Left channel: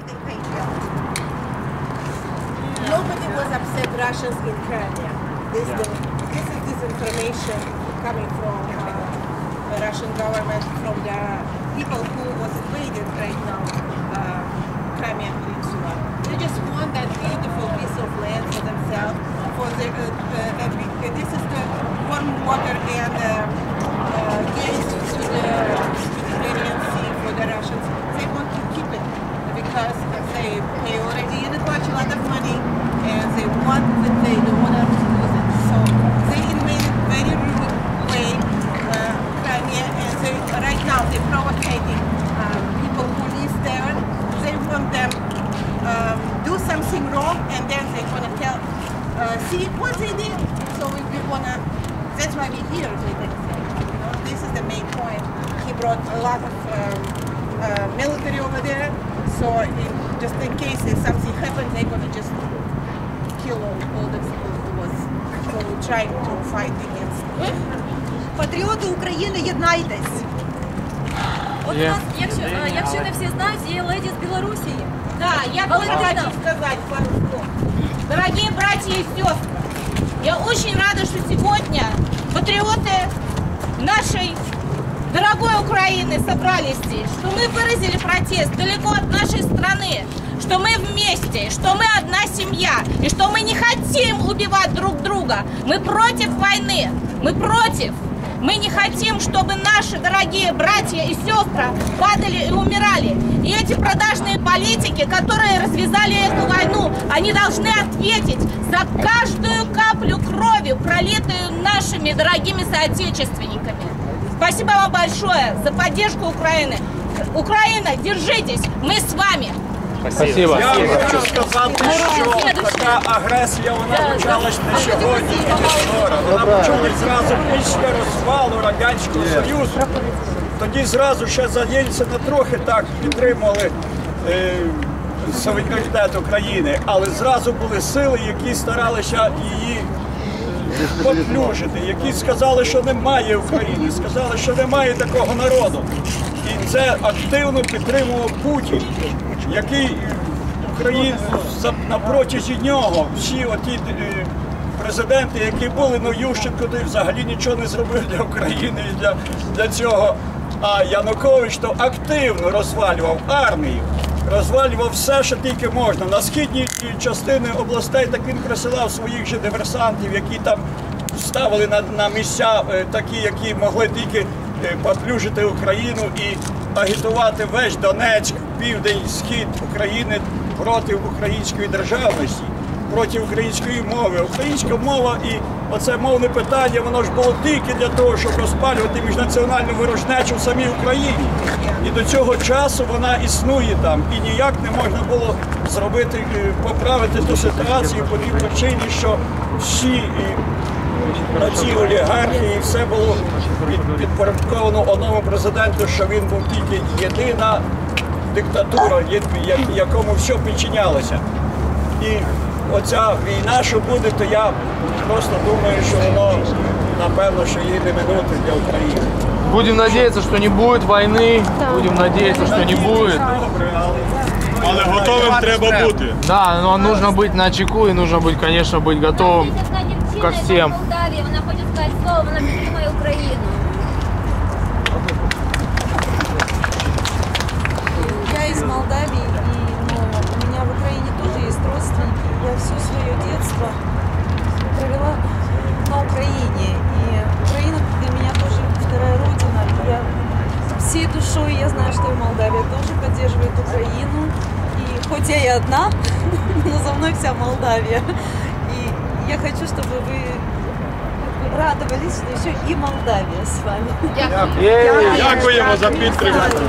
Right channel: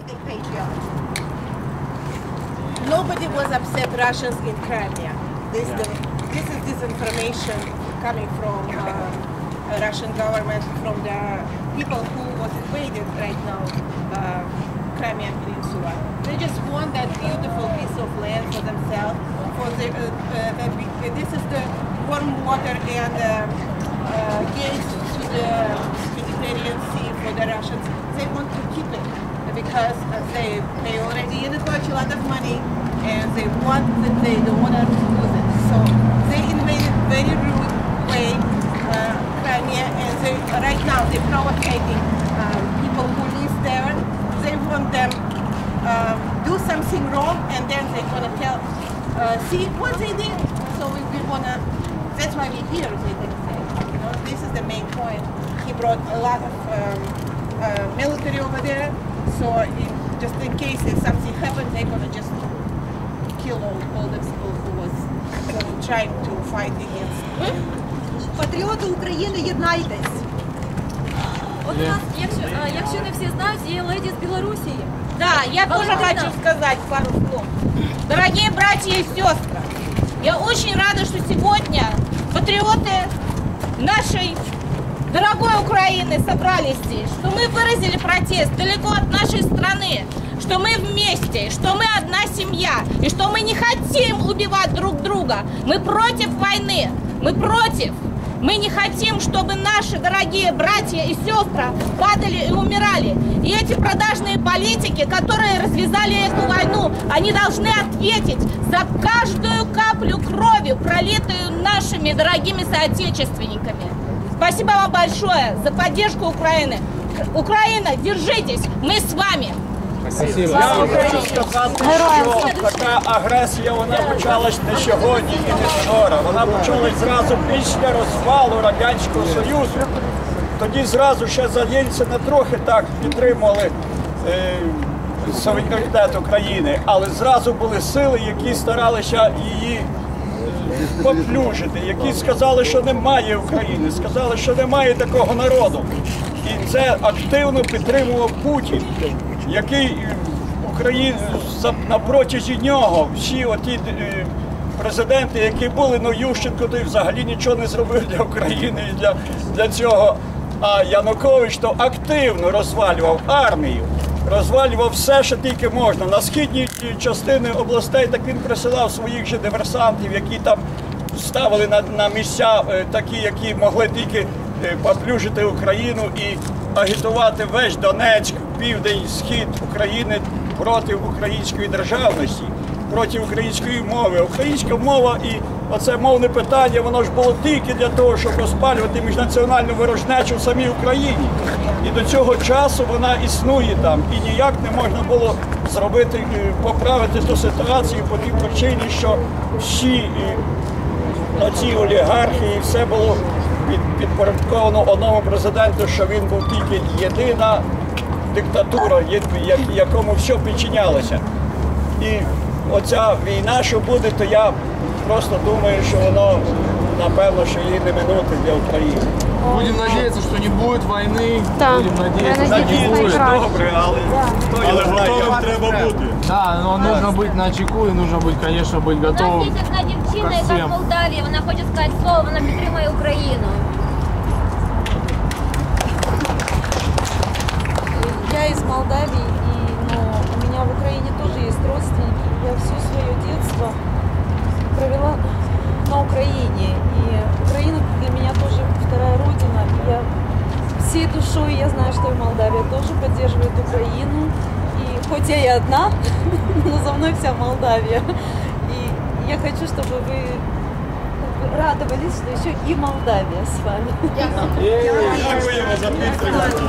a patriot. Nobody was upset Russians in Crimea. This, the, this is disinformation coming from uh, Russian government, from the people who was invaded right now, uh, Crimean Peninsula. They just want that beautiful piece of land for themselves. For the, uh, uh, we- this is the warm water and uh, uh, gates to the Mediterranean Sea for the Russians. They want to keep it because they pay already in a lot of money and they want that they don't want to lose it. So they invaded very rude way uh, Crimea and they right now they're provocating um, people who live there. They want them um, do something wrong and then they're gonna tell uh, see what they did. So we, we wanna that's why we're here, they can say. You know, this is the main point. He brought a lot of um, uh, military over there, so in, just in case if something happens, they're gonna just kill all, all the people who was who trying to fight against. Патріоти України, єднайтесь! От у нас, якщо, е, якщо не всі знають, є леді з Білорусі. Да, я тоже хочу сказать пару слов. Дорогие братья и сестры, я очень рада, что сегодня патриоты нашей дорогой Украины собрались здесь, что мы выразили протест далеко от нашей страны, что мы вместе, что мы одна семья, и что мы не хотим убивать друг друга. Мы против войны, мы против. Мы не хотим, чтобы наши дорогие братья и сестры падали и умирали. И эти продажные политики, которые развязали эту войну, они должны ответить за каждую каплю крови, пролитую нашими дорогими соотечественниками. Спасибо вам большое за поддержку Украины. Украина, держитесь, мы с вами. Спасибо. Я вам хочу сказати, що така агресія вона почалась не сьогодні і не вчора. Вона почалась зразу після розвалу Радянського Союзу. Тоді зразу ще за Єльцина трохи так підтримували е, суверенітет України, але зразу були сили, які старалися її поплюжити, які сказали, що немає України, сказали, що немає такого народу. І це активно підтримував Путін, який е, Україн на протязі нього всі оті е, президенти, які були, ну Ющенко той взагалі нічого не зробив для України і для, для цього. А Янукович то активно розвалював армію, розвалював все, що тільки можна. На східній частини областей так він присилав своїх же диверсантів, які там ставили на, на місця е, такі, які могли тільки е, поплюжити Україну і агітувати весь Донецьк, південь, схід України проти української державності, проти української мови. Українська мова і оце мовне питання, воно ж було тільки для того, щоб розпалювати міжнаціональну ворожнечу в самій Україні. І до цього часу вона існує там. І ніяк не можна було зробити, е, поправити ту ситуацію по тій причині, що всі е, оці олігархи і все було підпорядковано одному президенту, що він був тільки єдина диктатура, якому все підчинялося. І оця війна, що буде, то я просто думаю, що воно напевно, що її не минути для України. Будем надеяться, что не будет войны. Будем надеяться, что не будет. Добре, але, Але готовим треба бути. Да, но нужно быть на чеку и нужно быть, конечно, быть готовым. Там одна дівчина, ко яка з всім. Молдавії, вона хоче сказати слово, вона підтримує Україну. одна, но за мной вся Молдавия. И я хочу, чтобы вы как бы радовались, что еще и Молдавия с вами. Ей! Дякуємо за підтримку.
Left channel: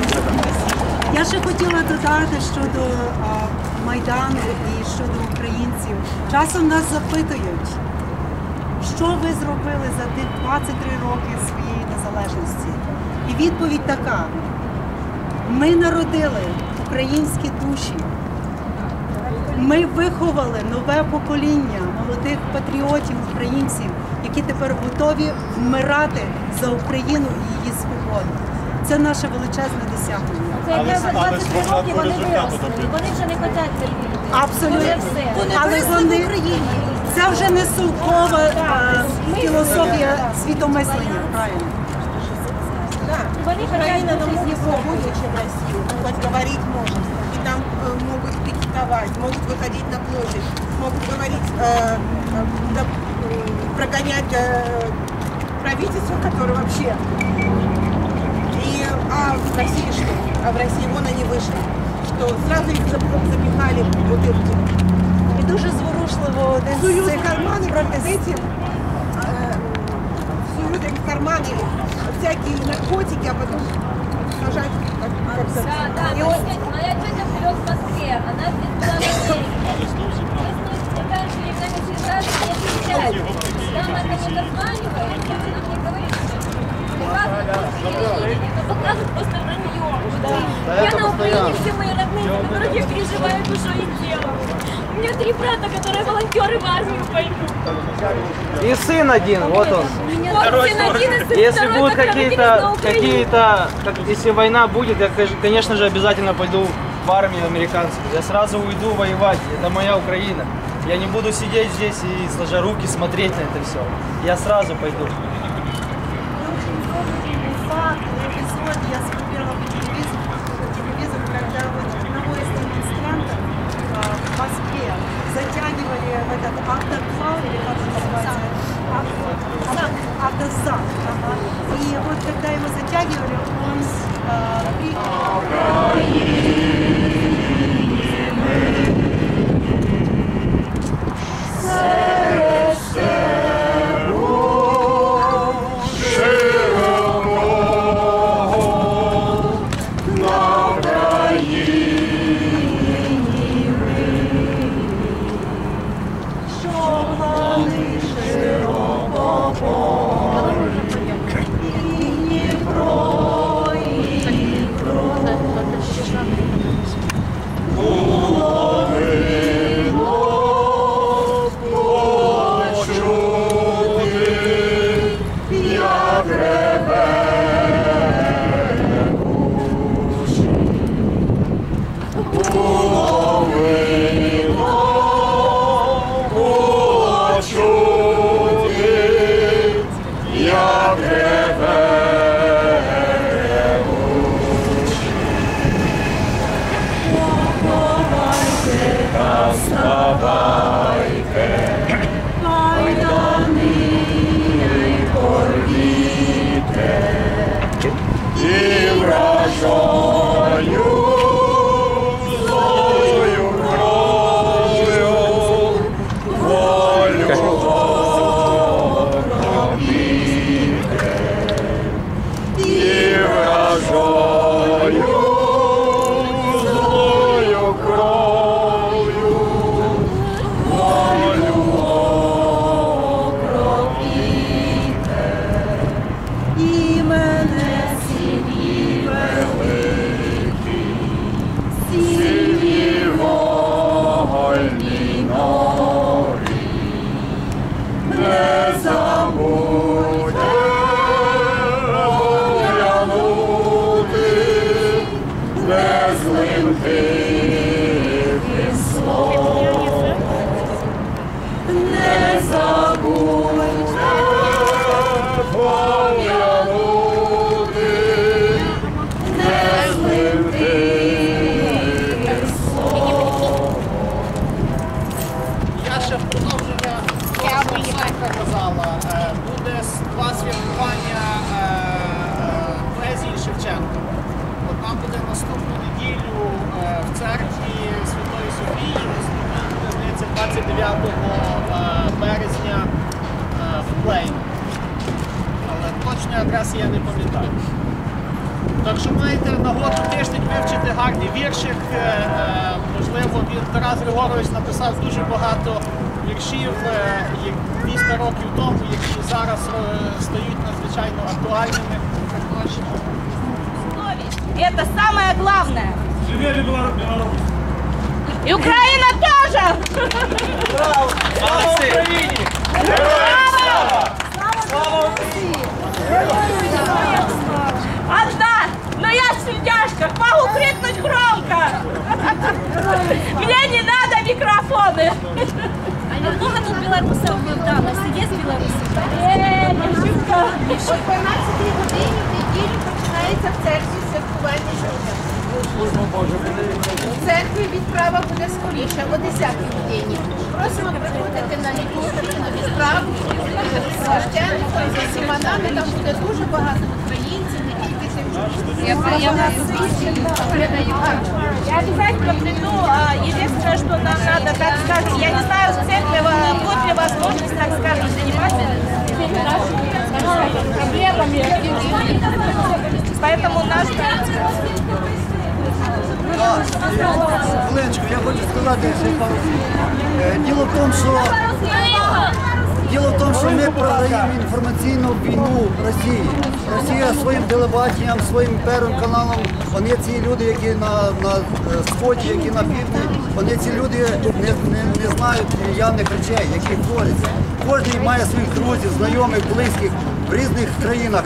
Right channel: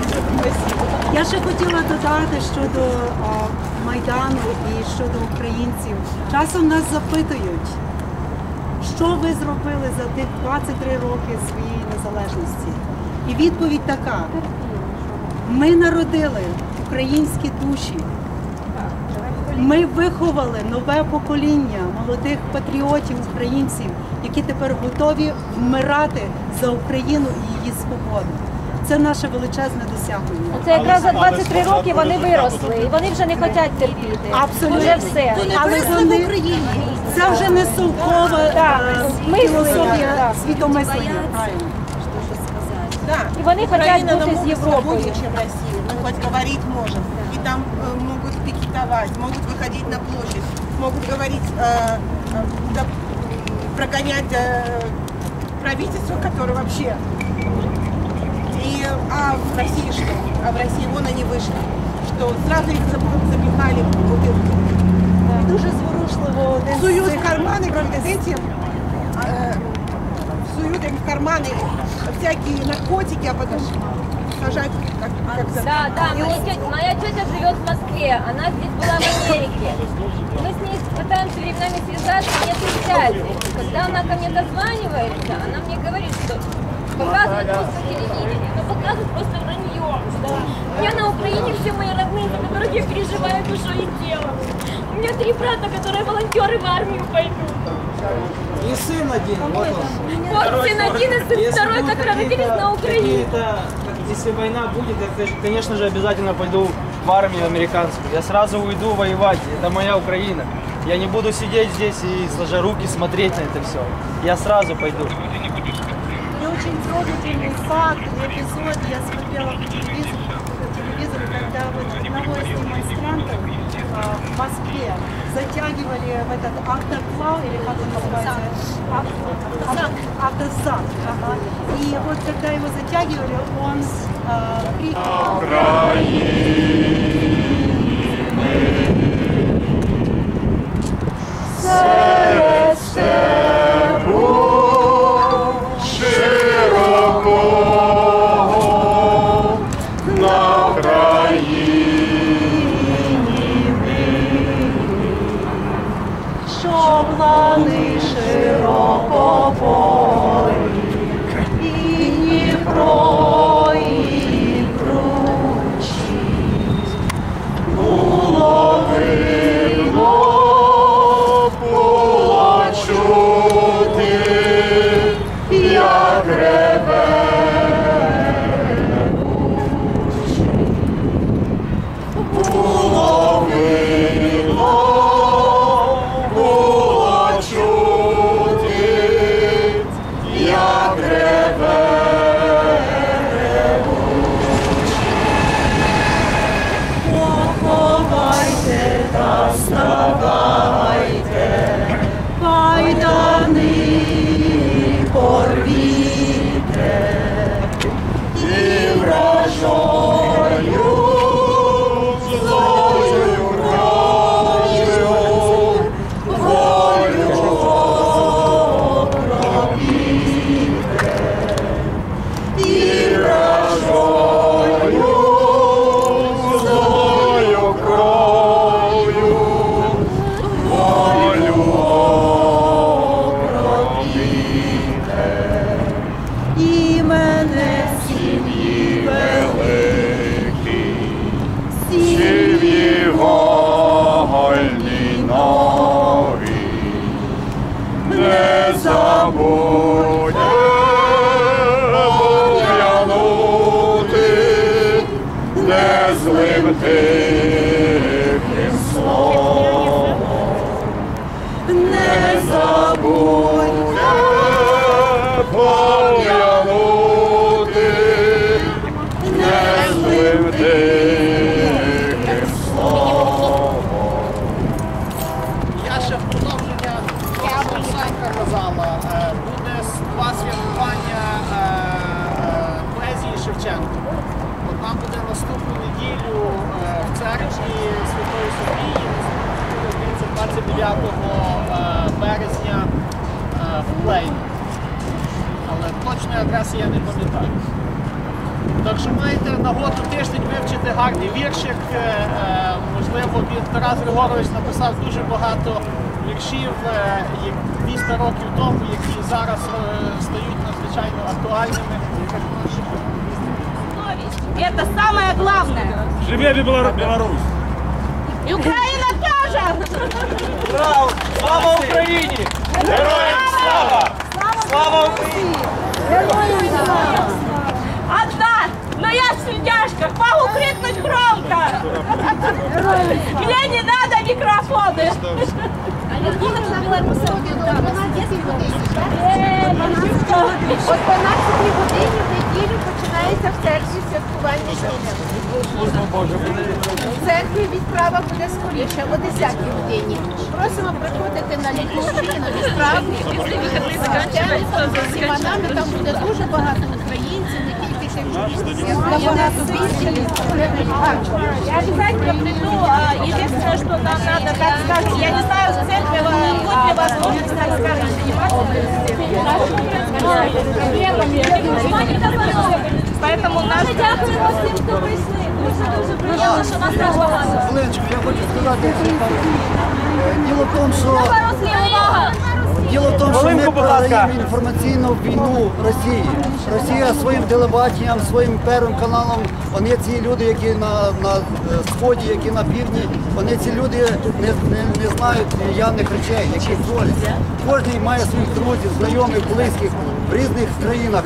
Я ще хотіла додати щодо а, Майдану і щодо українців. Часом нас запитують, що ви зробили за тих 23 роки своєї незалежності. І відповідь така: ми народили українські душі. Ми виховали нове покоління молодих патріотів, українців, які тепер готові вмирати за Україну і її свободу. Це наше величезне досягнення. Це якраз за 23 роки вони виросли. І вони вже не хочуть терпіти. Абсолютно. Вже все. Але вони це вже не совкова е, філософія світомислення. Правильно. Да, И они Украина хотят быть намного из Европы. свободнее, чем Россия. Ну, хоть говорить может. И там э, могут пикетовать, могут выходить на площадь, могут говорить, э, э, прогонять э, правительство, которое вообще... И, а в России что? А в России вон они вышли. Что сразу их зап- запихали в бутылки. І дуже зворушливо Суют в карманы перед этим, э, суют им в карманы всякие наркотики, а потом сажать Да, да, моя тетя, моя тетя живет в Москве, она здесь была в Америке. Мы с ней пытаемся временами связаться, не отвечает. Когда она ко мне дозванивается, она мне говорит, что показывает просто телевидение, но показывает просто вранье. Я на Украине, все мои родные, за которых я переживаю душой и телом. У меня три брата, которые волонтеры в армию пойдут. И сын один, вот он. Вот сын один и сын Если второй, будут какие-то, какие-то, как, если война будет, я, кон- конечно же, обязательно пойду в армию американскую. Я сразу уйду воевать. Это моя Украина. Я не буду сидеть здесь и сложа руки смотреть на это все. Я сразу пойду. И очень трогательный факт, эпизод я смотрела по телевизору, по телевизору когда вот одного из демонстрантов а, в Москве затягивали в этот автоклав, или как он называется? Авто- авто- Автозак. И вот когда его затягивали, он а, при- що niemand viva. Буде наступну неділю е, в церкві Святої Софії, наступна буде, здається, 29 е, березня е, в Плейні. Але точної адреси я не пам'ятаю. Так що маєте нагоду тиждень вивчити гарний віршик. Можливо, він Тарас Григорович написав дуже багато віршів е, 200 років тому, які зараз стають надзвичайно актуальними. Это самое главное. Живее Беларусь! И Украина тоже! Браво! Слава Украине! Героям слава! Слава Украине! Героям! Одна, но я в сельдяшках, могу крикнуть громко! Мне не надо микрофоны! А много тут белорусов был, да, у нас есть белорусы, да? Э, Вот 12 годин в неділю починається в церкви. В церкві відправа буде скоріше, о 10 годині. Просимо приходити на літургію, на відправу, священником, з усіма нами. Там буде дуже багато українців, не тільки Я обязательно приду. Единственное, что нам надо, так скажем, я не знаю, в церкви будет ли возможность, так скажем, заниматься проблемами. Поэтому наш... Хвилиночку, я хочу сказати ще пару слів. Е, Діло в тому, що Діло в тому, що ми програємо інформаційну війну Росії. Росія своїм телебаченням, своїм первим каналом, вони ці люди, які на, на сході, які на півдні, вони ці люди не, не, не знають явних речей, які творяться. Кожен має своїх друзів, знайомих, близьких в різних країнах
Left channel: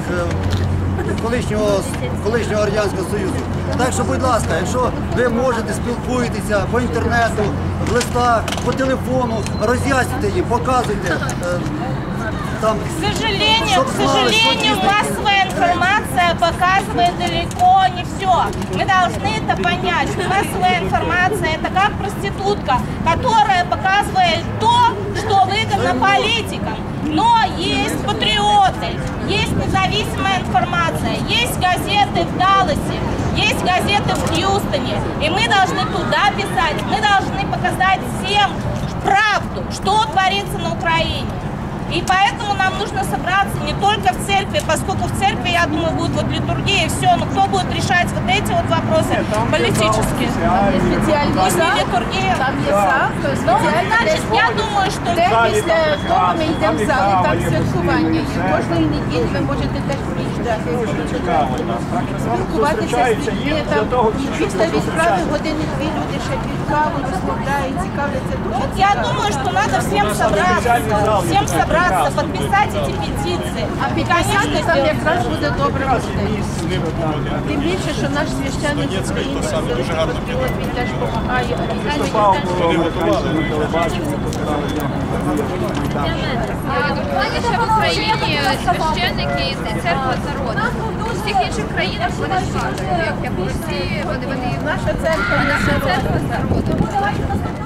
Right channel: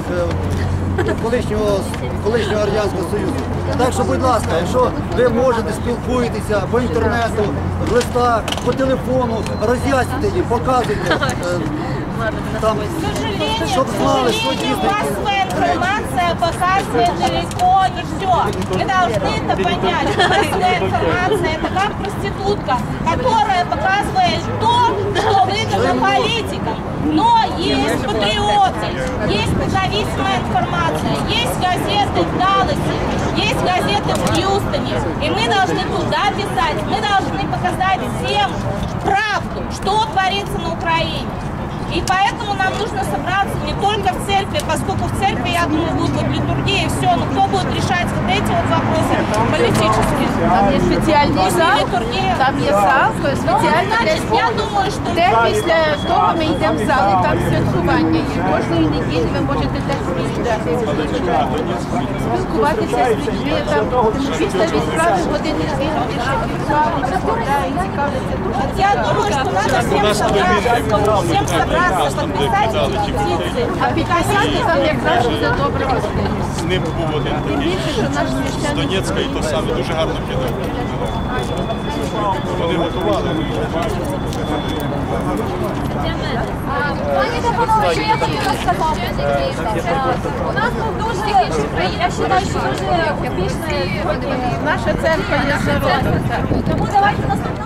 е, колишнього, колишнього Радянського Союзу. Так що, будь ласка, якщо ви можете спілкуєтеся по інтернету, в листах, по телефону, роз'яснюйте їм, показуйте. е, Там, К сожалению, щоб к знали, що сожалению, дійсно. массовая информация показывает далеко не все. Мы должны это понять, что массовая информация это как проститутка, которая показывает то, что выгодно политикам. Но есть патриоты, есть информация, есть газеты в Далласе, есть газеты в Хьюстоне. И мы должны туда писать, мы должны показать всем правду, что творится на Украине. И поэтому нам нужно собраться не только в церкви, поскольку в церкви, я думаю, будет вот литургия и все, но кто будет решать вот эти вот вопросы политические? Там є спеціальний Пусть зал, не литургия. там є зал, то Ну, спеціальний значит, десь я думаю, что Де після того ми йдемо в зал, і там святкування є. Кожної неділі ви можете теж приїжджати, спілкуватися з людьми. Там після відправи години-дві люди ще під каву розмовляють, цікавляться. Дуже Вот я думаю, что надо всем собраться, всем Собраться, подписать эти петиции. А підписати там якраз буде добре можливість. З ним погодити. Тим більше, що наш священник Донецька і то саме дуже гарно піде. Вони готували. Пані Степанович, я хотіла сказати. У нас тут дуже всіх інших країнах дуже успішні, вони вони Наша церква є наша церква. Тому давайте наступного